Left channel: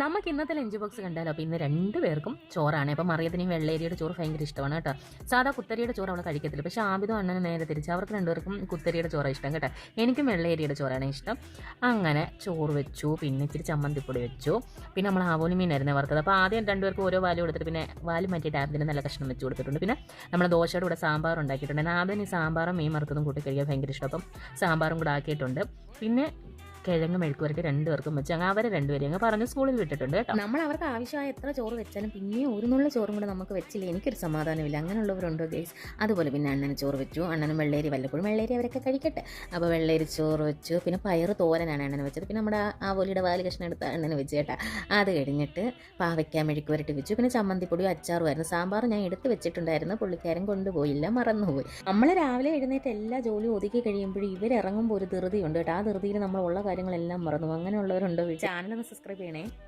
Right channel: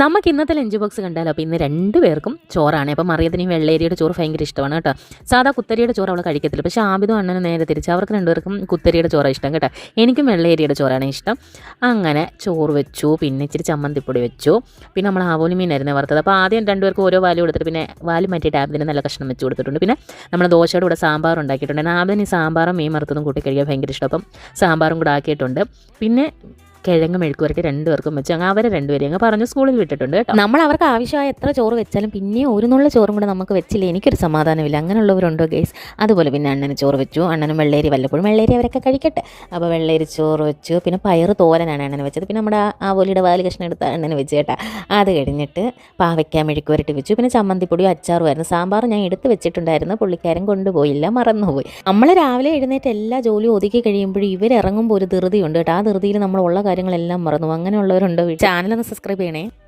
നമുക്ക് ഇന്നത്തെ lunch box കണ്ടാലോ അപ്പോൾ ഇന്ന് 2 പേർക്കും ചോറാണ്. അപ്പം മറിയത്തിന് ഈ വെള്ളേരിയുടെ ചോറ് ഭയങ്കര ഇഷ്ടമാണ് കേട്ടോ. സാധാ കുത്തരിയുടെ ചോറ് അവൾ കഴിക്കത്തില്ല. പക്ഷേ ആബിദും അണ്ണനും നേരെ തിരിച്ച് അവർക്ക് 2 പേർക്കും കുത്തരിയുടെ ചോറാണ് ഇഷ്ടം കേട്ടോ. എനിക്കും വെള്ളേരിയുടെ ചോറാണ് ഇഷ്ടം. അങ്ങനെ ചോറ് വെച്ചു, പിന്നെ ഇച്ചിരി ചമ്മന്തിപ്പൊടി വെച്ചു, പിന്നെ നമ്മൾ ആവോലി മീനായിരുന്നു വറുത്തത്. അപ്പോൾ ആദ്യം 2 പേർക്കും ഓരോ വാല് കൊടുത്തിട്ട് പിന്നെ വാല് മാറ്റിയിട്ട് ആബിദിന് നല്ല കഷ്ണം വെച്ച് കൊടുത്തിട്ടുണ്ട്. പിന്നെ നമ്മൾ ദോശയുടെ കൂടെ സാമ്പാർ ഉണ്ടാക്കിയിട്ടുണ്ട്. ആബിദിന് ഈ സാമ്പാറും മീൻ വറുത്തതും കൂട്ടി കഴിക്കാൻ ഭയങ്കര ഇഷ്ടം. അപ്പം സാമ്പാറും കൂടെ ആക്കിയിട്ടുണ്ട്. പിന്നെ കിഴങ്ങ് മെഴുക്കുവരട്ടി 2 പേർക്കും വെച്ച് അങ്ങ് അവരെ 2 പേരെയും അങ്ങ് പറഞ്ഞ് സ്കൂളിൽ വിട്ടിട്ടുണ്ട് കേട്ടോ. നമ്മൾ അവർക്ക് ആവശ്യമായ എത്ര ചോറ് വെച്ചാലും പിന്നെ ഒരു നുള്ള ചോറും കൂടെ നമുക്ക് വെച്ചില്ല എനിക്കൊരു സമാധാനമില്ല. അങ്ങനെയുള്ളവരുണ്ടോ ഗേസ്? അതുപോലെ പിന്നെ അണ്ണന് ചോറ് വെച്ചു. അണ്ണനും വെള്ളേരി വല്ലപ്പോഴും വെള്ളേരി അവരൊക്കെ കഴിക്കട്ടെ. അപ്പോൾ വെള്ളേരി ചോറ് വെച്ചു. പിന്നെ പയറ് തോരനാണ് അണ്ണന് വെച്ചത്. പിന്നെ നമ്മുടെ ആവോലിയുടെ വാല് കഷ്ണം എടുത്ത് അണ്ണന് വെച്ച് കേട്ടോ. അത് കഴിഞ്ഞിട്ട് പാവയ്ക്ക മെഴുക്കുവരട്ടി വെച്ചു. പിന്നെ ചമ്മന്തിപ്പൊടിയും അച്ചാറുമായിരുന്നു. സാമ്പാർ ഞാൻ എടുത്ത് വെച്ചിട്ടുണ്ടായിരുന്നു, പുള്ളിക്കാരൻ കൊണ്ടുപോയില്ല, മറന്നുപോയി. നമ്മൾ രാവിലെ എഴുന്നേറ്റ് എല്ലാ ജോലിയും ഒതുക്കി കഴിയുമ്പോഴും ഇവരിറങ്ങുമ്പോൾ ഒരു ധൃതിയുണ്ട് കേട്ടോ. ആ ധൃതിയിൽ നമ്മൾ ഉള്ള കാര്യങ്ങളെല്ലാം മറന്നു. അങ്ങനെയുള്ളവരുണ്ടോ? ചാനലൊന്ന് സബ്സ്ക്രൈബ് ചെയ്യണേ.